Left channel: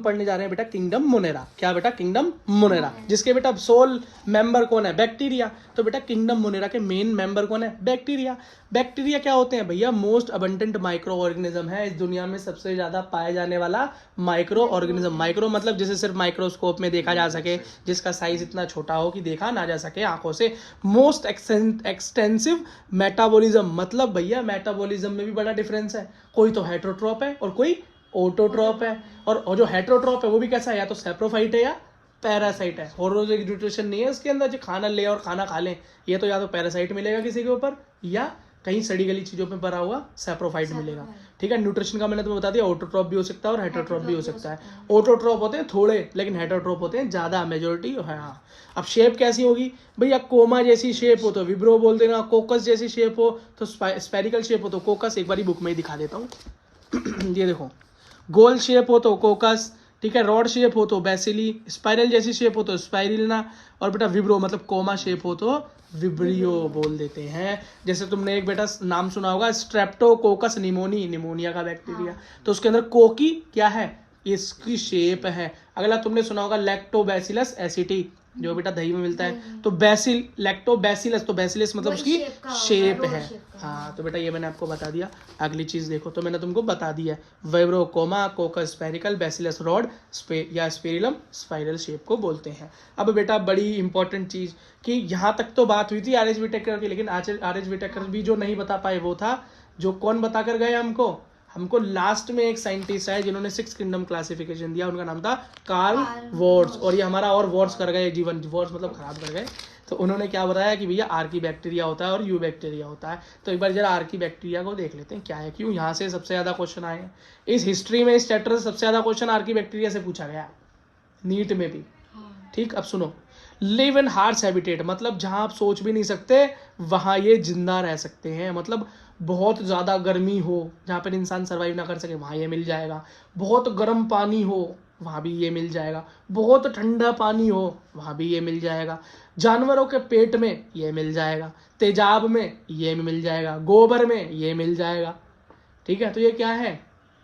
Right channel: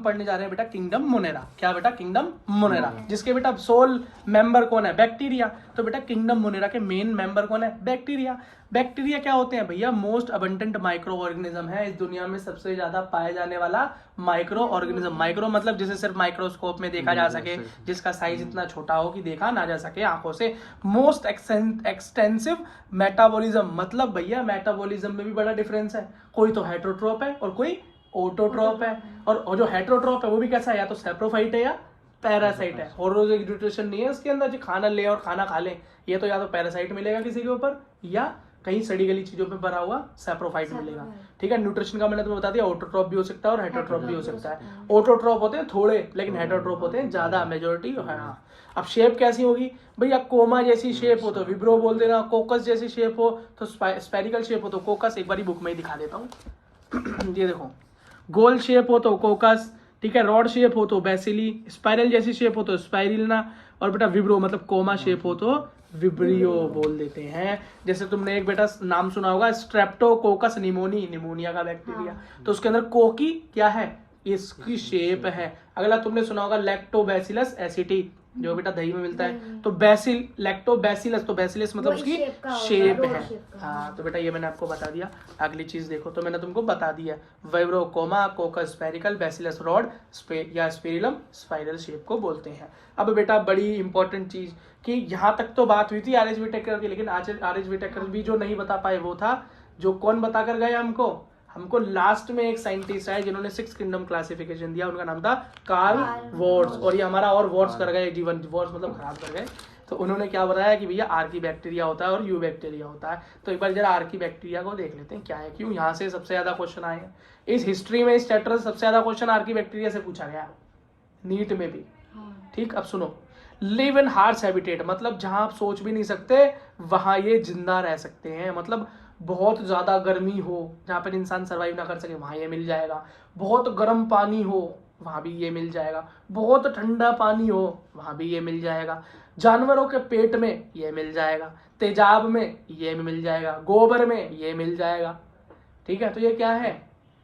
पढ़ने जा रहे हैं बेटा किंगडम मोनेरा। क्या बेटा? किंगडम मोनेरा, जिसके बेटा सोल मेंबर कौन है? बैक्टीरिया। तो बेटा किंगडम मोनेरा के मेन मेंबर कौन है? बैक्टीरिया। बैक्टीरिया क्या होते हैं भैया? मोस्ट अबंडेंट माइक्रो ऑर्गेनिज्म है इस दुनिया में सबसे ज्यादा पाए जाने वाला माइक्रो ऑर्गेनिज्म। माइक्रो मतलब जिसे सिर्फ माइक्रोस्कोप में देखा जा सके, जिसका साइज इतना छोटा हो कि देखा ना जा सके आंखों से। मोस्ट एक्सटेंसिव मेटाबॉलिज्म, मतलब भैया मेटाबॉलिज्म में भी बड़ा डिफरेंस है। कोई तो हेटेरोट्रॉप है और कोई ऑटोट्रॉप है। और जो हेटेरोट्रॉप है वो भी कैसा है? या तो सैप्रोफाइट है या पैरासाइट है। होरोजिक न्यूट्रिशन नहीं है इसके अंदर जो खाना ले और खाना खा ले। ये तो या तो पैरासाइट मिलेगा किसी के ऊपर या कहीं सड़ी गली चीजों पे भरा हुआ सैप्रोफाइट मिलेगा। ठीक है, न्यूट्रिशन का मैंने तुम्हें बता दिया। ऑटोट्रॉप भी हो सकता है और हेटेरोट्रॉप भी हो सकता है। ऑटोट्रॉप होते हैं थोड़े, लेकिन हेटेरोट्रॉप होते हैं ज्यादा, मेजोरिटी है। हाँ, अब शेप कैसी होगी भैया? कोमा जैसी शेप हो तो विब्रो बोल देना, कोकस जैसी शेप हो तो स्पेरिकल शेप हो तो कोकस। एक बार बुक में ही दिखा देता हूँ। ये देखो, गोल शेप हो तो कोकस, ठीक है, रॉड शेप हो तो बेसिली, स्पाइरल जैसी शेप हो तो स्पाइरिलना, और बेटा विब्रो मतलब कोमा शेप हो तो विब्रियो बोल देते हैं। जैसे तुमने एक बेटा नाम सुना होगा स्ट्रेप्टोकोकस निमोनी, निमोनिया का बैक्टीरिया। तो उसके अंदर कोकी क्या है? इसकी शेप है। अगला तुमने सुना होगा लैक्टोबैसिलस एसिटी, जो बेटा दही में मिलता है। तो बैसिल, लैक्टोबैसिलस, तो बैसिलस मतलब उसकी शेप है। हाँ, तो बेटा ये मैंने आपको बता दिया। अगली चीज देखो, तो मैंने तुमको बता दिया है vibrio comma, coccus spherical, bacillus rod या स्पेरिलम स्पाइरल शेप को बोलते हैं। अब बेटा बड़ी इंपॉर्टेंट चीज कि यहाँ तक तो बात हुई थी आर.एच. व्हिटेकर की, लेकिन आर.एच. व्हिटेकर भी जो नहीं बता पाए वो था जो कौन बता कर गए हमको लास्ट में एक साइंटिस्ट है जिन्होंने 6 किंगडम क्लासिफिकेशन दिया, उनका नाम था कार्ल वॉर्ट्स। और ये हमारा और वॉर्ट्स कर गए जीवन, वॉर्ट्स मतलब खराब कर गए। तो उन्होंने क्या बताया कि भैया आर्की बैक्टीरिया होता है और यू बैक्टीरिया होता है। तो एक बार जरा आर्की बैक्टीरिया को देख लेते हैं क्या है, क्यों यहाँ से सबसे ज्यादा क्वेश्चन आए हैं इस हिस्ट्री में। इस चैप्टर से सबसे ज्यादा क्वेश्चन आर्की बैक्टीरिया से पूछा गया, नीट में भी। ठीक, अब सुनो, लिव इन हार्श हैबिटेट, मतलब जहां आप सोच भी नहीं सकते वहां ये जिंदा रह सकते हैं। मतलब बहुत ज्यादा गर्मी हो जहां पर इंसान सर्वाइव ना कर सके वहां ये मिल जाएगा। बहुत गर्म पानी हो वहां भी ये मिल जाएगा। बहुत ठंडा पानी हो वहां भी ये मिल जाएगा। जानवरों के पेट में ये मिल जाएगा, तेजाब में ये मिल जाएगा, गोबर में ये मिल जाएगा। ठीक है, तो ये क्या है?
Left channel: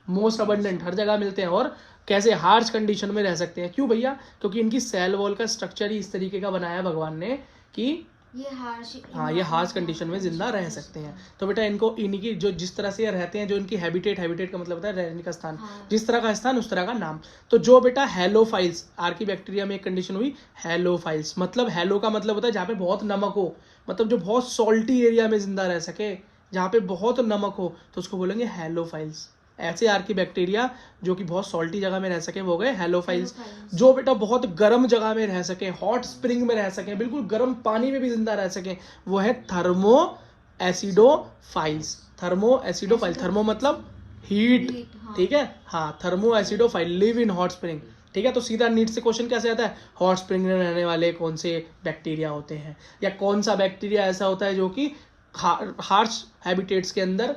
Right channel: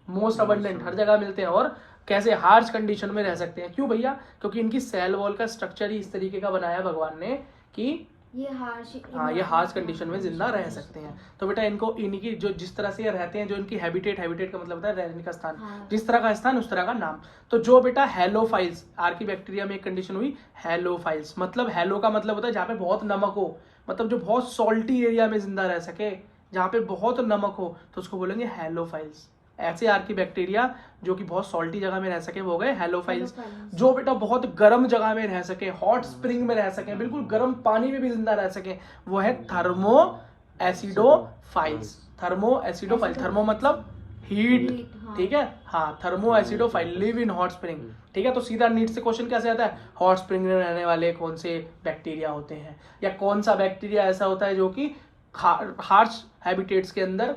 मोस्ट अबंडेंट, हर जगह मिलते हैं। और कैसे? हार्श कंडीशन में रह सकते हैं। क्यों भैया? क्योंकि इनकी सेल वॉल का स्ट्रक्चर ही इस तरीके का बनाया भगवान ने कि ये हार्श कंडीशन में जिंदा रह सकते हैं। तो बेटा इनको इनकी जो जिस तरह से रहते हैं, जो इनकी हैबिटेट का मतलब होता है रहने का स्थान। जिस तरह का स्थान उस तरह का नाम। तो जो बेटा हेलोफाइल्स, आर्की बैक्टीरिया में एक कंडीशन हुई हेलोफाइल्स, मतलब हेलो का मतलब होता है जहाँ पे बहुत नमक हो, मतलब जो बहुत सॉल्टी एरिया में जिंदा रह सके, जहाँ पे बहुत नमक हो तो उसको बोलेंगे हेलोफाइल्स। ऐसे आर्की बैक्टीरिया जो कि बहुत सॉल्टी जगह में रह सके वो गए हेलोफाइल्स। जो बेटा बहुत गर्म जगह में रह सके, हॉट स्प्रिंग में रह सके, बिल्कुल गर्म पानी में भी जिंदा रह सके, वो है thermo acidophiles. Thermo acidophile, thermo मतलब हीट, ठीक है। हाँ, thermo acidophile live in hot spring. ठीक है, तो सीधा नीट से क्वेश्चन कैसे आता है? हॉट स्प्रिंग में रहने वाले कौन से बैक्टीरिया होते हैं, या कौन सा बैक्टीरिया ऐसा होता है जो कि हार्श हैबिटेट्स के अंदर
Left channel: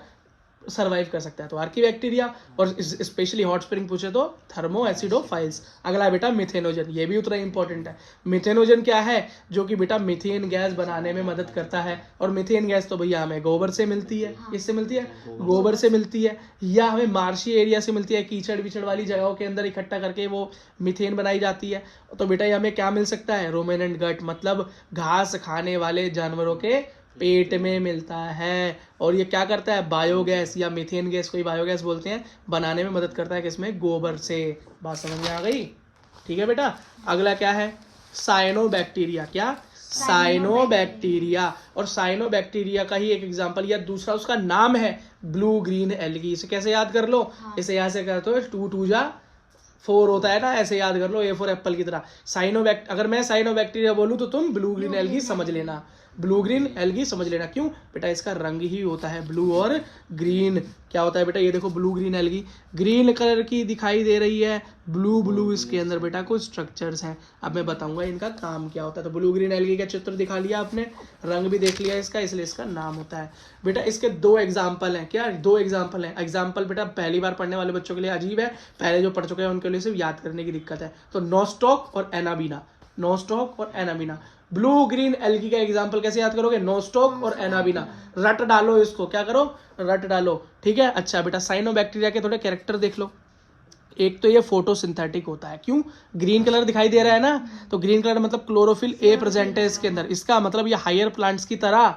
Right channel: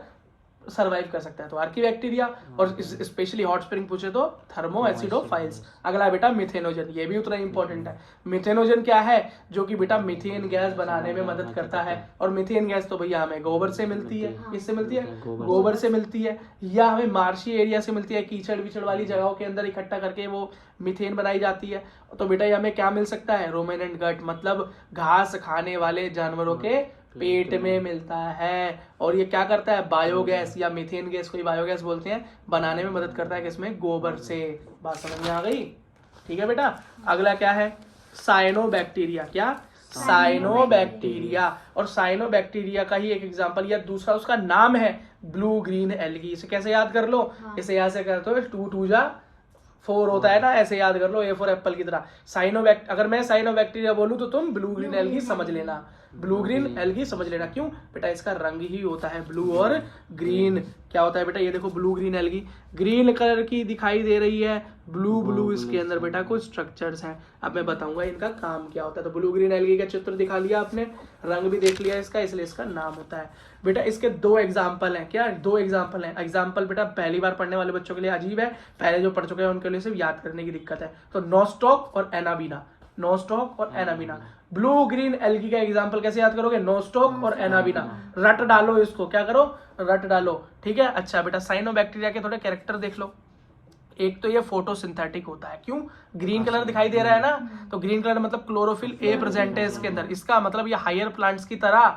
सर्वाइव कर सकता है। तो आर्की बैक्टीरिया, और स्पेशली हॉट स्प्रिंग पूछे तो थर्मो एसिडोफाइल्स। अगला बेटा मिथेनोजन, ये भी उतना इंपॉर्टेंट है। मिथेनोजन क्या है? जो कि बेटा मीथेन गैस बनाने में मदद करता है। और मीथेन गैस तो भैया हमें गोबर से मिलती है। किससे मिलती है? गोबर से मिलती है, या हमें मार्शी एरिया से मिलती है, कीचड़ विचड़ वाली जगहों के अंदर इकट्ठा करके वो मीथेन बनाई जाती है। तो बेटा ये हमें क्या मिल सकता है? रूमिनेंट गट, मतलब घास खाने वाले जानवरों के पेट में मिलता है। और ये क्या करता है? बायोगैस या मीथेन गैस, कोई बायोगैस बोलते हैं, बनाने में मदद करता है। किसमें? गोबर से। बात समझ में आ गई? ठीक है बेटा, अगला क्या है? साइनोबैक्टीरिया। क्या? साइनोबैक्टीरिया। और साइनोबैक्टीरिया का ही एक एग्जांपल या दूसरा उसका नाम है ब्लू ग्रीन एल्गी। इसे कैसे याद कर लो? इसे यहाँ से करते हो 2 2 जा 4 होता है ना, ऐसे याद कर लो, A फॉर एप्पल की तरह। अगर मैं साइनोबैक्टीरिया बोलूं तो तुम ब्लू ग्रीन एल्गी समझ लेना। ब्लू ग्रीन एल्गी समझ लेना। क्यों बेटा? इसका रंग ही होता है ब्लू और ग्रीन। क्या होता है बेटा? ये देखो blue green algae, green colour की दिखाई दे रही है, ब्लू ब्लू इसके अंदर बेटा कुछ स्ट्रक्चर्स हैं। अब मैं बताऊंगा इनका काम क्या होता है। तो ब्लू ग्रीन एल्गी का चित्र दिखा लिया आपने, रंग भी देख लिया इसका, इसलिए इसका नाम होता है। बेटा इसके 2 एग्जाम्पल हैं। क्या? 2 एग्जाम्पल हैं। एग्जाम्पल बेटा पहली बार पढ़ने वाले बच्चों के लिए अजीब है, पहले जो पढ़ चुके हैं उनके लिए सिर्फ याद करने की दिक्कत है। तो नोस्टॉक और एनाबीना, नोस्टॉक और एनाबीना। ब्लू ग्रीन एल्गी का एग्जांपल कैसे याद करोगे? नोस्टॉक और एनाबीना। रट डालो इसको, क्या करो? रट डालो। ठीक है, अच्छा बेटा साइनोबैक्टीरिया के थोड़े कैरेक्टर देख लो। एक तो ये फोटोसिंथेटिक होता है, क्यों? ग्रीन कलर दिखाई दे रहा है ना, तो ग्रीन कलर मतलब क्लोरोफिल ए प्रेजेंट है इसके अंदर, इसका मतलब ये हायर प्लांट्स की तरह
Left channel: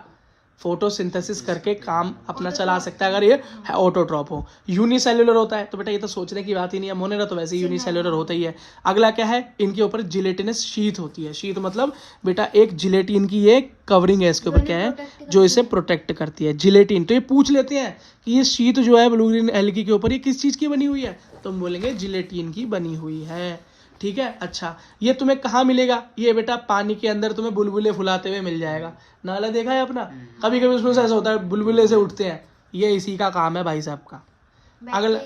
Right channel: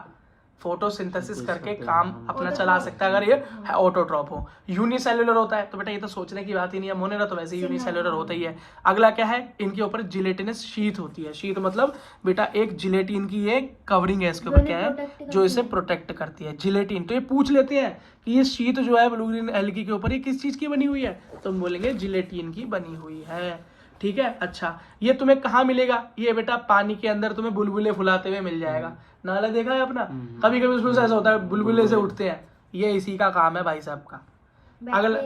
फोटोसिंथेसिस करके काम अपना चला सकता है अगर ये ऑटोट्रॉप हो। यूनिसेल्युलर होता है तो बेटा ये तो सोचने की बात ही नहीं है, मोनेरा तो वैसे ही यूनिसेल्युलर होता ही है। अगला क्या है, इनके ऊपर जिलेटिनस शीथ होती है। शीथ मतलब बेटा एक जिलेटिन की ये कवरिंग है इसके ऊपर, क्या है जो इसे प्रोटेक्ट करती है, जिलेटिन। तो ये पूछ लेते हैं कि ये शीथ जो है ब्लू ग्रीन एल्गी के ऊपर ये किस चीज की बनी हुई है, तो हम बोलेंगे जिलेटिन की बनी हुई है। ठीक है, अच्छा ये तुम्हें कहाँ मिलेगा, ये बेटा पानी के अंदर तुम्हें बुलबुले फुलाते हुए मिल जाएगा। नाला देखा है अपना, कभी कभी उसमें से ऐसा होता है बुलबुले से उठते हैं, ये इसी का काम है भाई साहब का। अगला,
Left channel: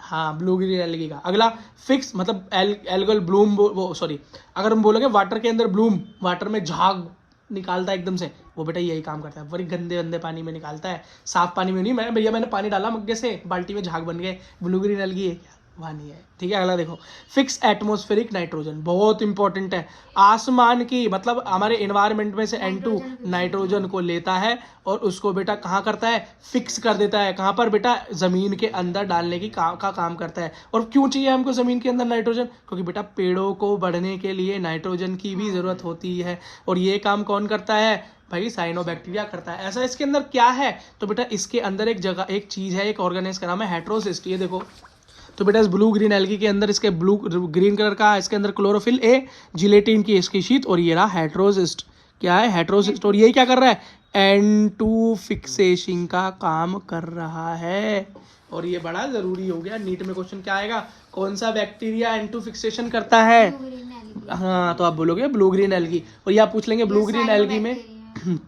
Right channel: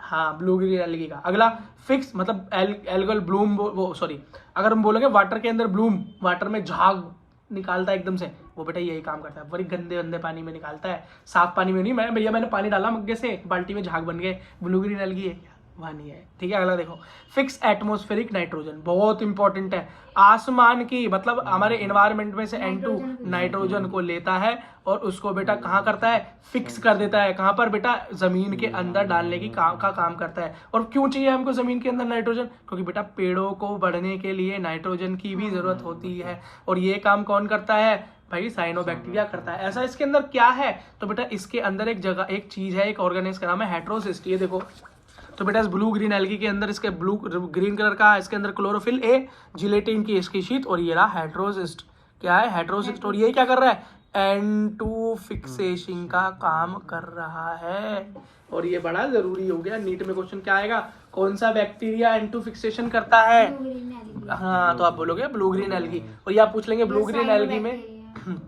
हाँ ब्लू ग्रीन एल्गी का। अगला फिक्स मतलब एल्गल ब्लूम, वो सॉरी अगर हम बोलोगे वाटर के अंदर ब्लूम, वाटर में झाग निकालता है एकदम से, वो बेटा यही काम करता है, बड़ी गंदे गंदे पानी में निकालता है, साफ पानी में नहीं। मैं भैया मैंने पानी डाला मग्गे से, बाल्टी में झाग बन गए, ब्लू ग्रीन एल्गी है वहाँ नहीं है। ठीक है, अगला देखो फिक्स एटमॉस्फेरिक नाइट्रोजन, बहुत इंपॉर्टेंट है। आसमान की मतलब हमारे एनवायरनमेंट में से N2 नाइट्रोजन को लेता है और उसको बेटा कहाँ करता है, फिक्स कर देता है। कहाँ पर बेटा, जमीन के अंदर डालने की काम करता है। और क्यों चाहिए हमको जमीन के अंदर नाइट्रोजन, क्योंकि बेटा पेड़ों को बढ़ने के लिए नाइट्रोजन की भी जरूरत होती है, और ये काम कौन करता है भाई, साइनोबैक्टीरिया करता है। ऐसा इसके अंदर क्या है, तो बेटा इसके अंदर एक जगह एक चीज है, एक ऑर्गेनाइज का नाम है हेट्रोसिस्ट। ये देखो, तो बेटा इस ब्लू ग्रीन एल्गी के अंदर इसके ब्लू ग्रीन कलर का इसके अंदर क्लोरोफिल ए, जिलेटिन की इसकी शीट, और ये रहा हेट्रोसिस्ट। क्या है हेट्रोसिस्ट, और ये क्या कर रहा है, N2 फिक्सेशन का काम कर रहा है। और ये बड़ा जरूरी हो गया, नीट में क्वेश्चन क्या आएगा, कौन सा बैक्टीरिया N2 फिक्सेशन करता है, हाँ तो आप बोलोगे ब्लू ग्रीन एल्गी। और ये आप पूछ लेंगे ब्लू ग्रीन एल्गी में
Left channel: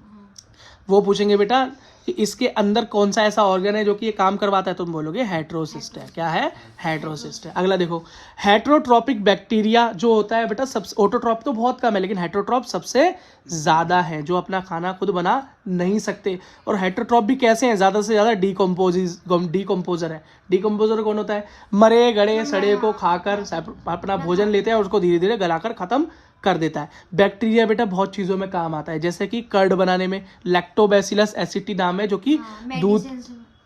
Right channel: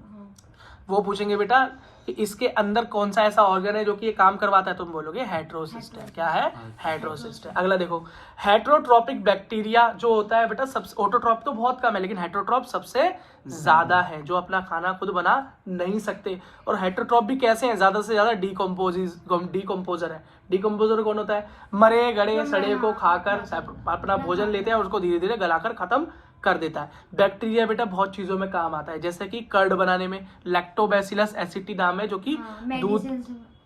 वो पूछेंगे बेटा कि इसके अंदर कौन सा ऐसा ऑर्गन है जो कि ये काम करवाता है, तुम बोलोगे हेट्रोसिस्ट है। क्या है, हेट्रोसिस्ट है। अगला देखो हेट्रोट्रॉपिक बैक्टीरिया जो होता है बेटा, सबसे ऑटोट्रॉप तो बहुत कम है लेकिन हेट्रोट्रॉप सबसे ज्यादा है, जो अपना खाना खुद बना नहीं सकते। और हेट्रोट्रॉप भी कैसे हैं, ज्यादा से ज्यादा डीकम्पोजर है। डीकम्पोजर कौन होता है, मरे गड़े सड़े को खाकर अपना भोजन लेते हैं और उसको धीरे धीरे गलाकर खत्म कर देता है। बैक्टीरिया बेटा बहुत चीजों में काम आता है, जैसे कि कर्ड बनाने में, लैक्टोबैसिलस एसिटी नाम है जो कि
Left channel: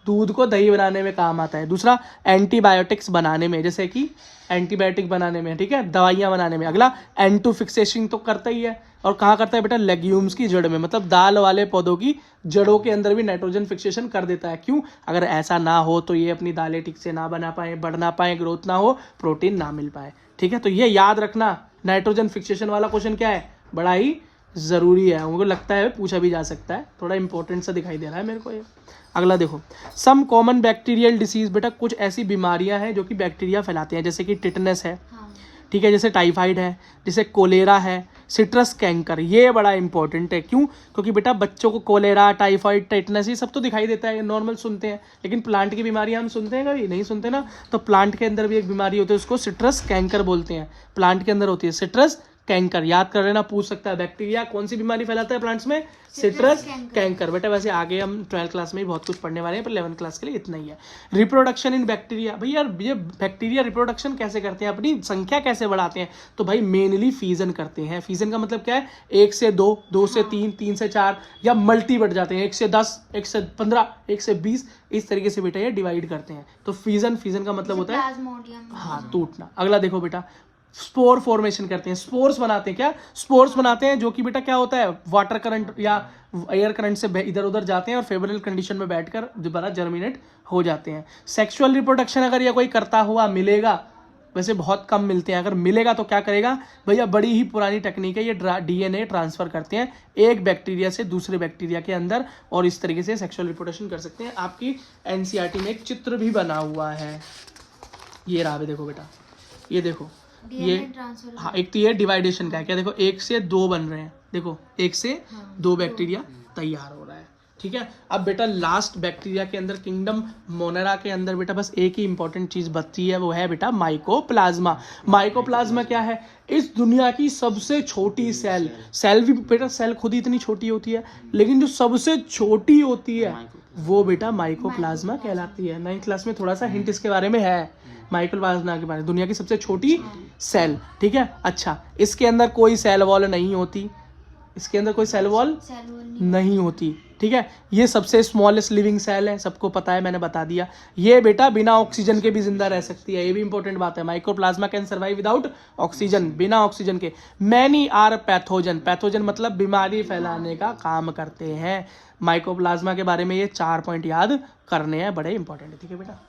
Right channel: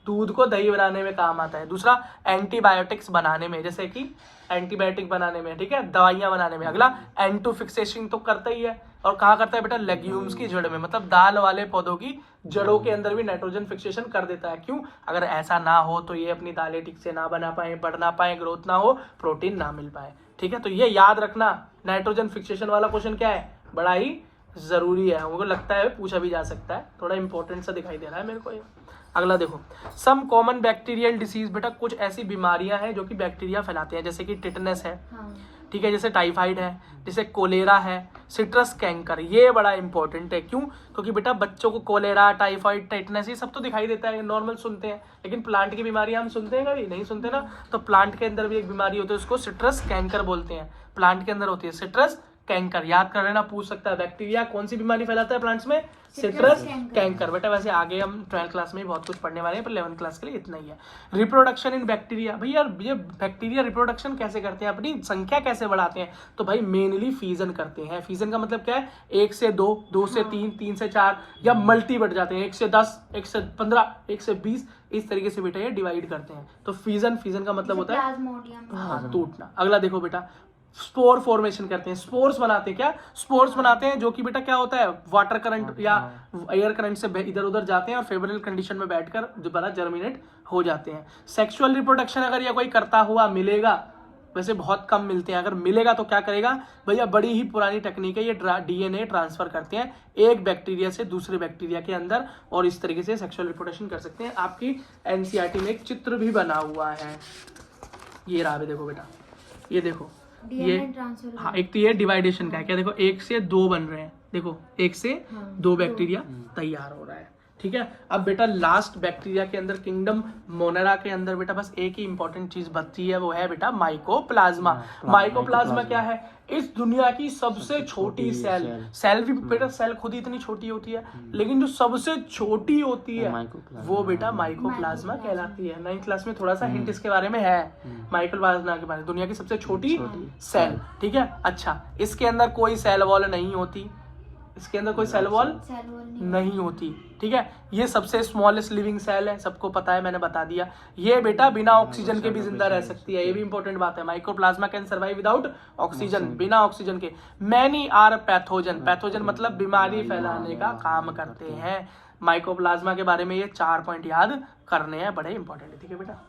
दूध को दही बनाने में काम आता है। दूसरा एंटीबायोटिक्स बनाने में, जैसे कि एंटीबायोटिक बनाने में, ठीक है, दवाइयां बनाने में। अगला N2 फिक्सेशन तो करता ही है, और कहाँ करता है बेटा, लेग्यूम्स की जड़ में, मतलब दाल वाले पौधों की जड़ों के अंदर भी नाइट्रोजन फिक्सेशन कर देता है। क्यों, अगर ऐसा ना हो तो ये अपनी दालें ठीक से ना बना पाए, बढ़ ना पाए, ग्रोथ ना हो, प्रोटीन ना मिल पाए। ठीक है, तो ये याद रखना, नाइट्रोजन फिक्सेशन वाला क्वेश्चन क्या है, बड़ा ही जरूरी है, मुझे लगता है पूछा भी जा सकता है, थोड़ा इंपॉर्टेंट सा दिखाई दे रहा है मेरे को ये। अगला देखो सम कॉमन बैक्टीरियल डिसीज, बेटा कुछ ऐसी बीमारियां हैं जो कि बैक्टीरिया फैलाते हैं, जैसे कि टिटनेस है, ठीक है, जैसे टाइफाइड है, जैसे कोलेरा है, सिट्रस कैंकर। ये बड़ा इंपॉर्टेंट है, क्यों, क्योंकि बेटा बच्चों को कोलेरा, टाइफाइड, टेटनस ये सब तो दिखाई देता है, नॉर्मल सुनते हैं, लेकिन प्लांट की बीमारियां हम सुनते हैं कभी नहीं सुनते ना। तो प्लांट के अंदर भी एक बीमारी होती है, उसको सिट्रस कैंकर बोलते हैं, प्लांट के अंदर होती है सिट्रस कैंकर। याद कर लेना, पूछ सकता है बैक्टीरिया कौन सी बीमारी फैलाता है प्लांट्स में, सिट्रस कैंकर। बेटा वैसे आगे हम 12th क्लास में बहुत कुछ पढ़ने वाले हैं, पर 11th क्लास के लिए इतना ही है। रिप्रोडक्शन इन बैक्टीरिया, भैया ये बैक्टीरिया रिप्रोडक्शन कैसे करते हैं, अपनी संख्या कैसे बढ़ाते हैं, तो भाई मेनली फीजन करते हैं। फीजन का मतलब क्या है, 1 से 2, 2 से 3, 3 से 4, या मल्टी बढ़ जाते हैं, 1 से 10, 1 से 15, 1 से 20, इस तरीके से बेटा ये डिवाइड करते हैं। तो फीजन का मतलब होता है टूटना। अगला देखो बेटा स्पोर फॉर्मेशन करते हैं, स्पोर्स बनाते हैं। क्या स्पोर्स बनाते हैं, जो कि बेटा क्या होता है, वाटर करंट या एयर करंट से इधर उधर जाते हैं और फेवरेबल कंडीशन में बैठकर दोबारा जर्मिनेट हो जाते हैं। सेक्सुअल रिप्रोडक्शन अगर ये कोई करता हुआ मिलेगा, वैसे बहुत कम मिलते हैं, अगर मिलेगा तो क्या करेगा भैया, बड़ी ही पुरानी टेक्निक है, ये DNA ट्रांसफर करते हैं एक बैक्टीरिया से दूसरे बैक्टीरिया के अंदर, और इस तरीके से सेक्सुअल रिप्रोडक्शन कर सकते हैं। आपकी NCERT में एक चित्र भी बना हुआ है, ये रहा, देखो बेटा, ये देखो ये, हाँ एक तो ये डिवाइडेशन का है, क्या देखो 1 से 2 बन रहे हैं, देखो 1 से 2 बैक्टीरिया तैयार हो रहा है। ठीक है, अब बेटा लास्ट बैक्टीरिया के अंदर किंगडम मोनेरा के अंदर बेटा बस एक ही इंपॉर्टेंट चीज बचती है, वो है बेटा माइकोप्लाज्मा। माइकोप्लाज्मा क्या है, इस दुनिया की सबसे छोटी सेल भी बेटा, सेल खुद ही इतनी छोटी होती है, लेकिन जो सबसे छोटी होती है वो बेटा माइकोप्लाज्मा कहलाती है। 9th क्लास में थोड़ा सा हिंट इसके बारे में है, माइकोप्लाज्मा के बारे में, दुनिया की सबसे छोटी सेल। ठीक है, अच्छा इसके अंदर कोई सेल वॉल नहीं होती, इसके अंदर कोई सेल वॉल सेल वॉल नहीं होती, ठीक है। ये सबसे स्मॉलेस्ट लिविंग सेल है, सबको पता है, मैंने बता दिया। ये बेटा बिना ऑक्सीजन के भी जिंदा रह सकती है, ये भी इंपॉर्टेंट बात है। Mycoplasma can survive without oxygen, बिना ऑक्सीजन के। मैनी आर पैथोजन, पैथोजन मतलब बीमारी फैलाने का काम करते हैं। माइकोप्लाज्मा के बारे में ये 4 पॉइंट याद करने हैं, बड़े इंपॉर्टेंट है, ठीक है बेटा।